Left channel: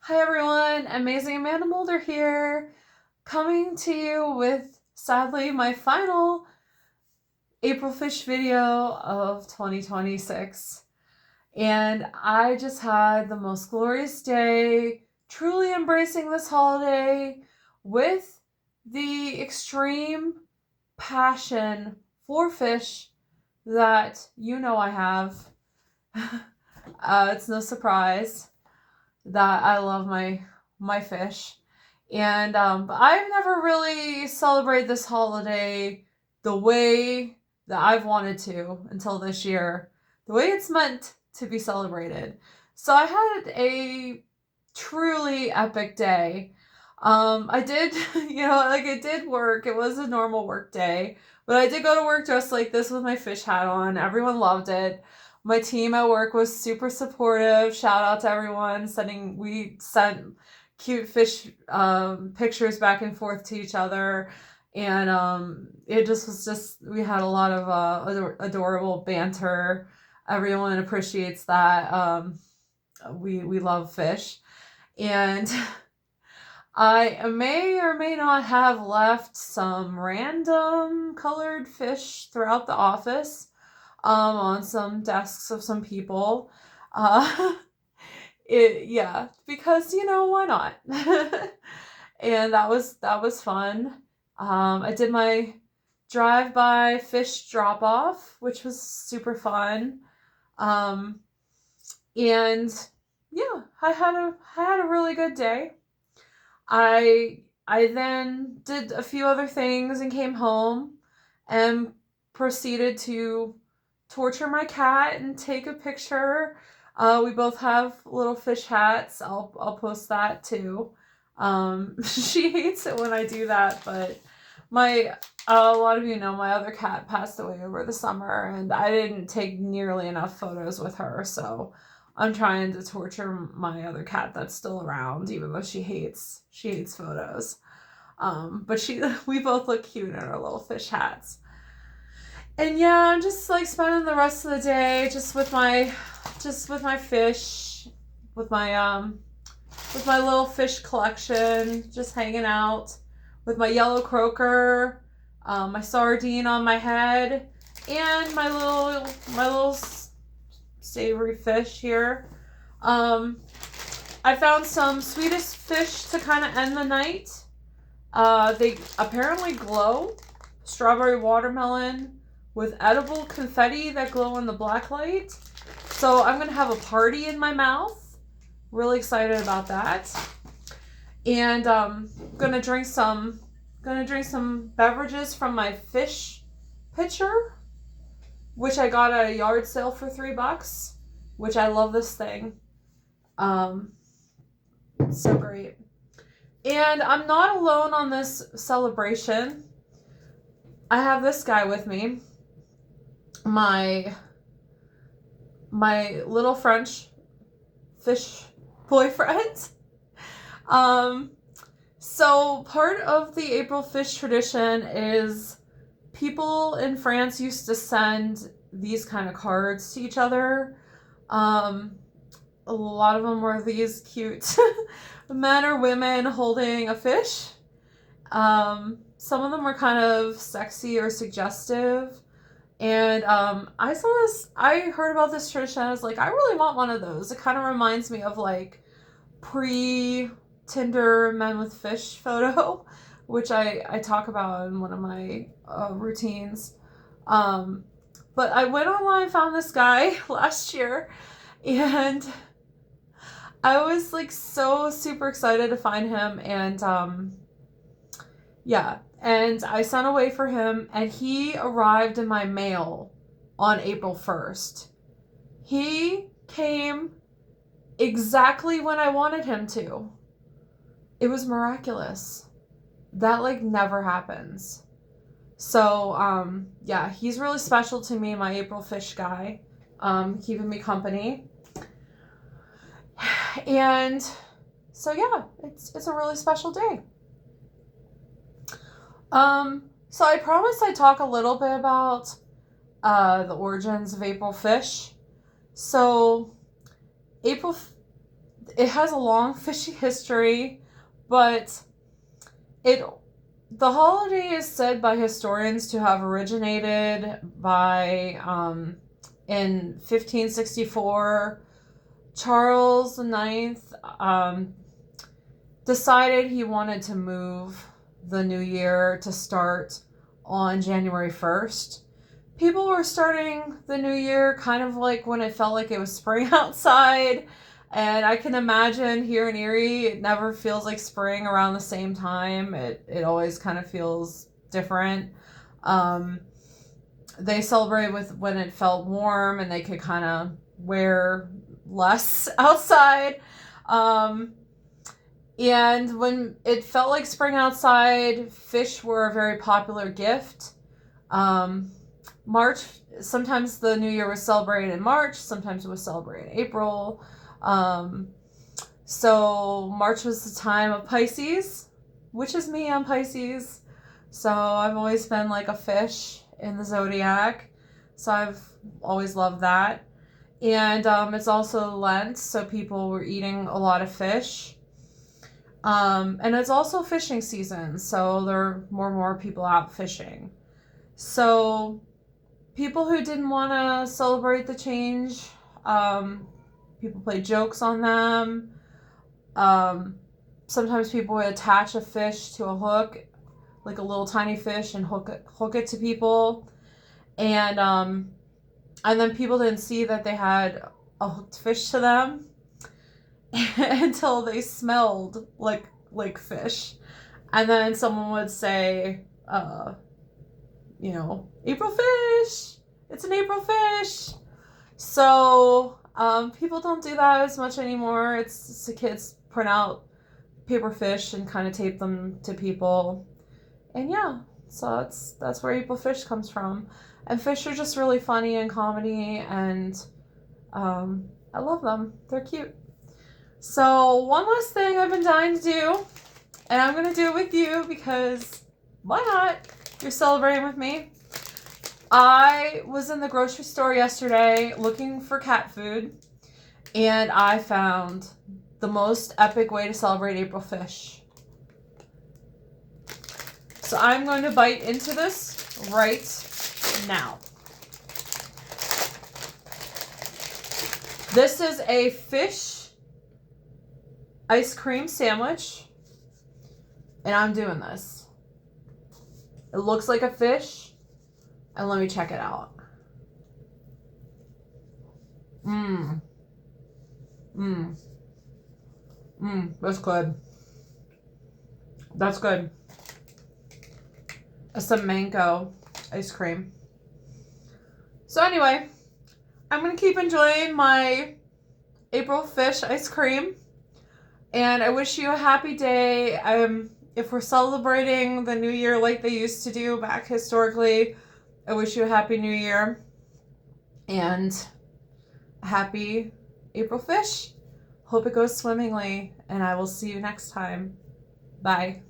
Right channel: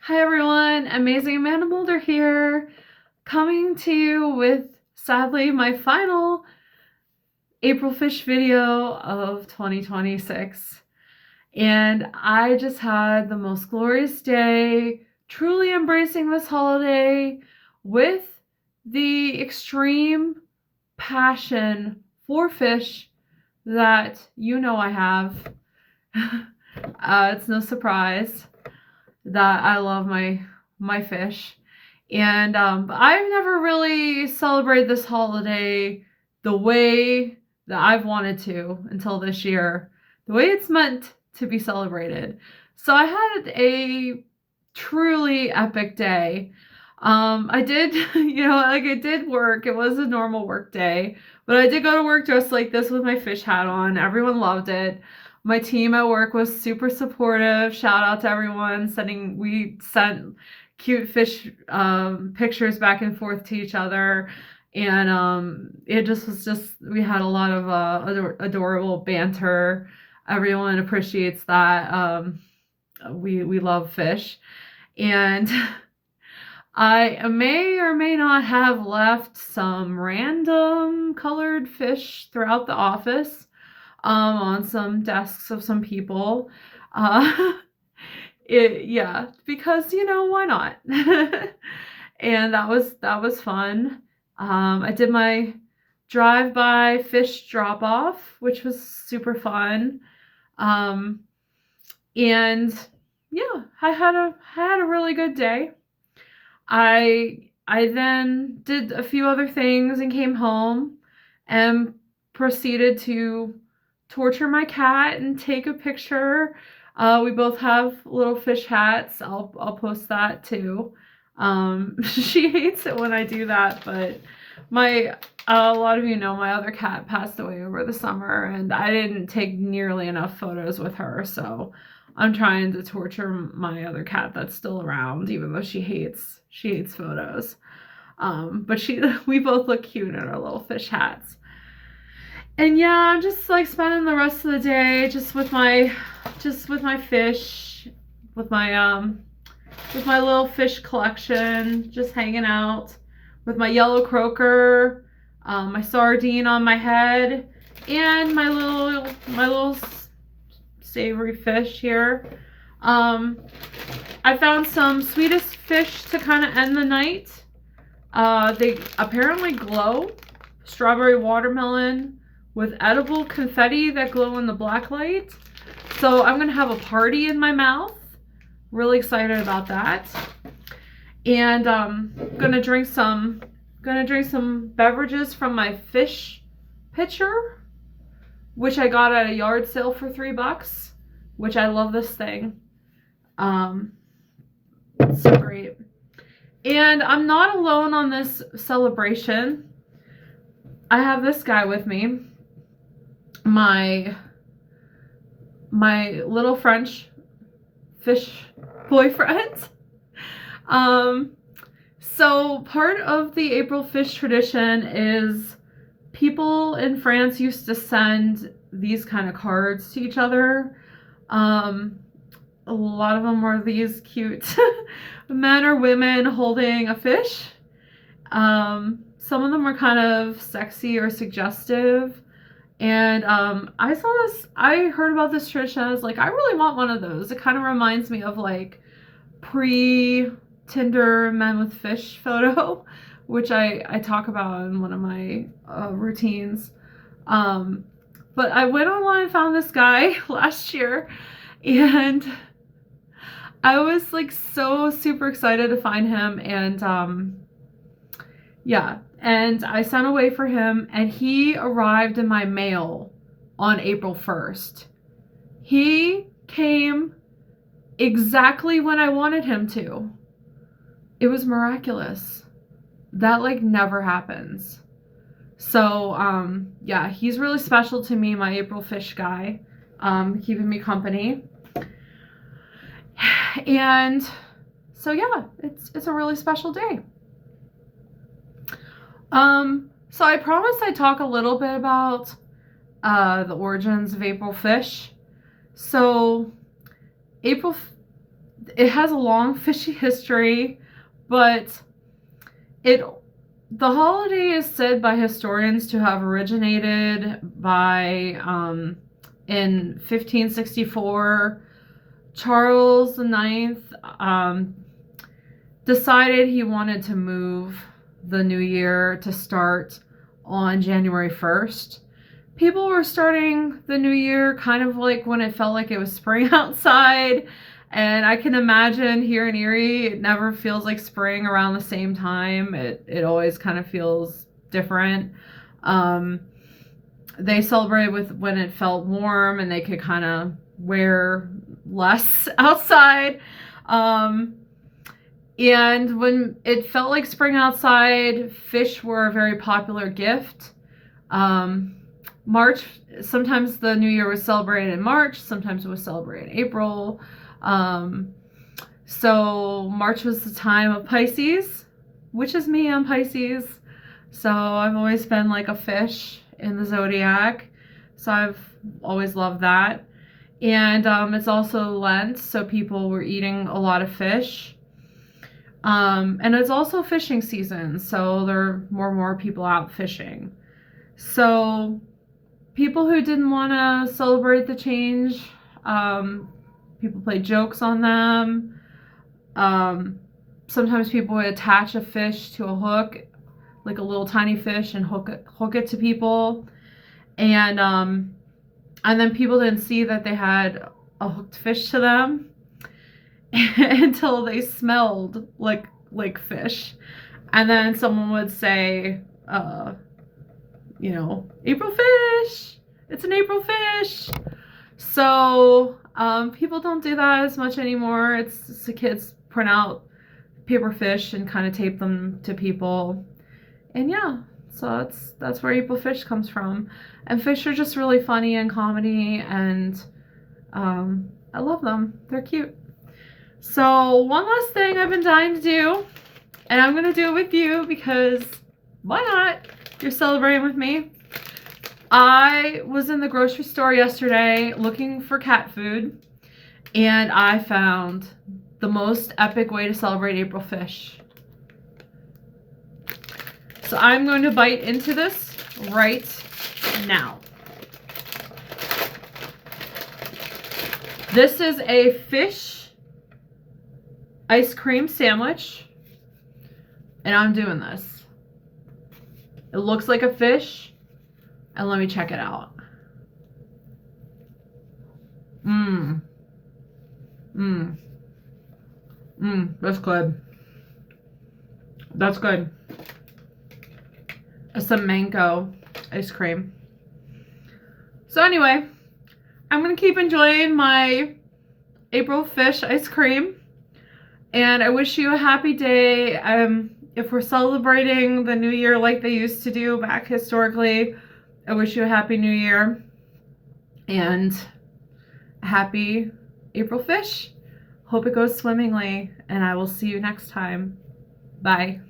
Hi everyone, Amazing Amanda Mulder here, coming to you with, sadly, my final April Fish video of 2026. And I just had the most glorious day, truly embracing this holiday with the extreme passion for fish that you know I have. It's no surprise that I love my fish. And but I've never really celebrated this holiday the way that I've wanted to until this year, the way it's meant to be celebrated. So I had a truly epic day. I did, it did work. It was a normal work day, but I did go to work dressed like this with my fish hat on. Everyone loved it. My team at work was super supportive. Shout out to everyone we sent cute fish pictures back and forth to each other. And it just was just, we had a lot of adorable banter. Everyone appreciates that. We love fish. And I may or may not have left some random colored fish throughout the office, on some desks of some people. Uh, yeah, because why not? And that was fun. I did my drive-by fish drop-off, which was super fun. Um, and yeah, I had a really good day. I then did a few other things and came home and proceeded to torture my cat and take a picture. We both have little fish hats. I'll post that too. She hates it when I do that, but my a lot of you know my other cat passed away over the summer, and I didn't take nearly enough photos with her, so I'm trying to torture my other cat that's still around, even though she hates photos. But we both look cute in our little fish hats. And yeah, I'm just like spending the rest of the day just with my fish, with my little fish collection, just hanging out with my yellow croaker, my sardine on my head, and my little savory fish here. Um, I found some Swedish fish to kind of end the night. They apparently glow. Strawberry watermelon with edible confetti that glow in the black light. So I'm gonna have a party in my mouth. Really excited about that. And gonna drink some beverages from my fish pitcher, which I got at a yard sale for $3, which I love this thing. It's so great. And I'm not alone on this celebration. I have this guy with me, my little French fish boyfriend. So part of the April fish tradition is people in France used to send these kind of cards to each other. A lot of them were these cute men or women holding a fish. Some of them were kind of sexy or suggestive. And I heard about this tradition. I was like, I really want one of those. It kind of reminds me of like pre Tinder men with fish photo, which I talk about in one of my routines. But I went online, found this guy last year, and I was like so super excited to find him. And yeah, and I sent away for him, and he arrived in my mail on April 1st. He came exactly when I wanted him to. It was miraculous. That like never happens. So yeah, he's really special to me, my April fish guy, keeping me company. And so yeah, it's a really special day. So I promised I'd talk a little bit about the origins of April fish. So April it has a long fishy history, but the holiday is said by historians to have originated by in 1564. Charles IX decided he wanted to move the new year to start on January 1st. People were starting the new year kind of like when it felt like it was spring outside. And I can imagine here in Erie, it never feels like spring around the same time. It always kind of feels different. They celebrated with when it felt warm and they could kind of wear less outside. And when it felt like spring outside, fish were a very popular gift. March, sometimes the New Year was celebrated in March, sometimes it was celebrated in April. So March was the time of Pisces, which is me, I'm Pisces. So I've always been like a fish in the zodiac. So I've always loved that. And it's also Lent, so people were eating a lot of fish. And it's also fishing season, so there are more people out fishing. So people who didn't want to celebrate the change, people played jokes on them. Sometimes people would attach a fish to a hook, like a little tiny fish, and hook it to people. And then people didn't see that they had a hooked fish to them until they smelled like fish. And then someone would say, April fish! It's an April fish! So people don't do that as much anymore. It's the kids print out paper fish and kind of tape them to people. And yeah, so that's where April fish comes from. And fish are just really funny and comedy, and I love them. They're cute. So one last thing I've been dying to do, and I'm going to do it with you because why not? You're celebrating with me. I was in the grocery store yesterday looking for cat food, and I found the most epic way to celebrate April fish. So I'm going to bite into this right now. This is a fish ice cream sandwich, and I'm doing this. It looks like a fish, and let me check it out. That's good. That's good. It's some mango ice cream. So anyway, I'm going to keep enjoying my April fish ice cream. And I wish you a happy day. If we're celebrating the new year like they used to do back historically, I wish you a happy new year. And happy April fish. Hope it goes swimmingly. And I will see you next time. Bye.